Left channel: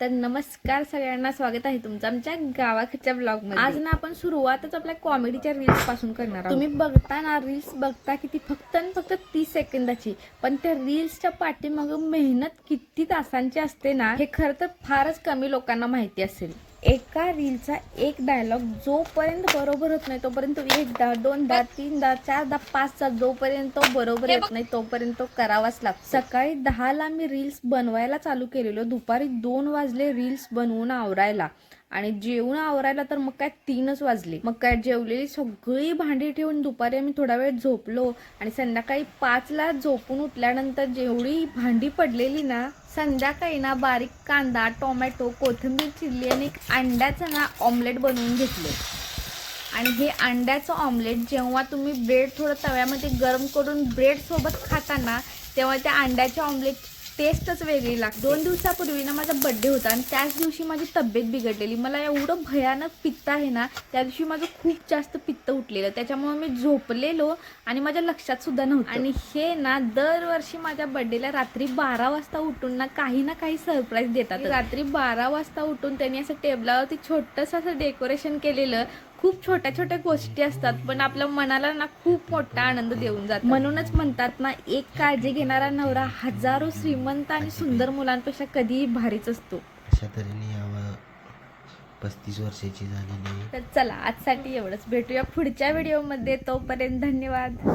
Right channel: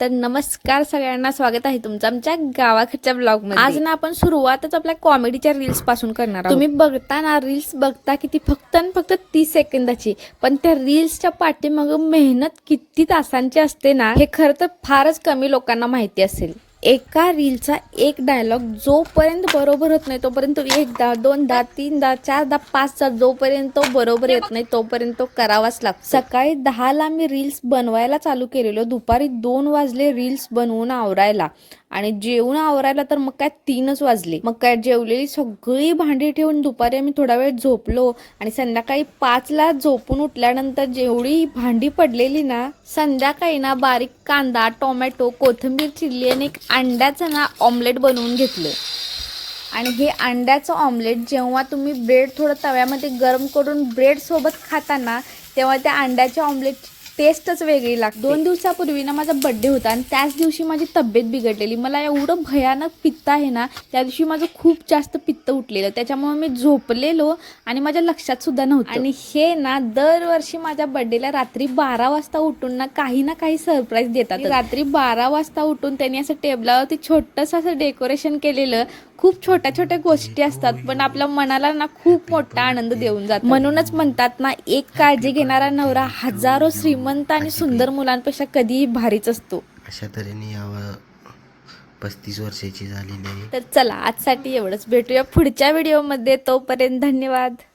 तर नमस्कार सगळ्यांना, स्वागत आहे तुमचं आमच्या गावाकडच्या ब्लॉग मध्ये। आज ना आपण सुरुवातच आपल्या कॉमेडीच्या रील्स पासून करणार आहोत। तुम्ही बघता ना रील्स बघता की ती फक्त आणि फक्त 30 सेकंदाची, पण त्या रील्सच्या पाठीमागे मेहनत किती तासांची असते ना, हे खरं तर फारच कमी लोकांना माहिती असेल। एका रीलचा एक डायलॉग जोपर्यंत बरोबर होत नाही तोपर्यंत एकदा दोनदा तीनदा चारदा पाचदा जोपर्यंत बरोबर येत नाही तोपर्यंत तो करावाच लागतो। सकाळी 10ला मी रील्स बनवायला चालू केलेलो, दुपारी 2 वाजले रील्स बनवून आवरायला, आणि जेवून आवरायला तर मग काय 3च वाजले। मग काय जेवलेली सगळी भांडी ठेवून दुपारी आम्ही थोडा वेळ झोपलो, आणि संध्याकाळी 5ला झोपून उठल्यानंतर जेवढी भांडी पडलेली ना, संध्याकाळी ना बारीक कांदा टोमॅटो कोथिंबीर चिरली आणि एक अंड्याचं ना ऑमलेट बनवून घेतलं। आणि हे अंड्याचं ऑमलेट जेव्हा तुम्ही ब्रेड थोडं तव्यामध्ये गरम करून ब्रेड सोबत खाता ना, तेव्हा त्या अंड्याच्या ऑमलेट टेस्टच वेगळी लागते। 2 दिवसापूर्वी ना माझा बर्थडे होता, आणि त्याच दिवशी माझी तब्येत बिघडलेली। मला एवढं भयानक पित्त आहे ना, त्या दिवशी माझं खूप जास्त पित्त उठलेलं, त्याच्यामुळे मी झोपलेलो आणि माझ्या लक्षात सुद्धा नव्हतं। आणि हे ना दरवर्षी माझ्या बर्थडेला रात्री 12 वाजता उठून ना काही सरप्राईज देतात। रात्री 12 वाजता उठून त्यांनी असं टेबलावरती छोटंसं असं डेकोरेशन केलेलं। खूप छोट्या छोट्या गोष्टी असतात, पण आपल्या मनाला ना खूप मोठा आनंद देऊन जातात। म्हणूनच म्हणतात ना, एक काळजी घेणारा नवरा हजारो श्रीमंत आणि सुंदर मुलांपेक्षा कधीही भारीच असतो। अशा तऱ्हेने यावं 35 वर्षाची झालेली आहे। तर चला आजसाठी एवढंच, भेटूया पुढच्या व्हिडिओमध्ये, तोपर्यंत धन्यवाद।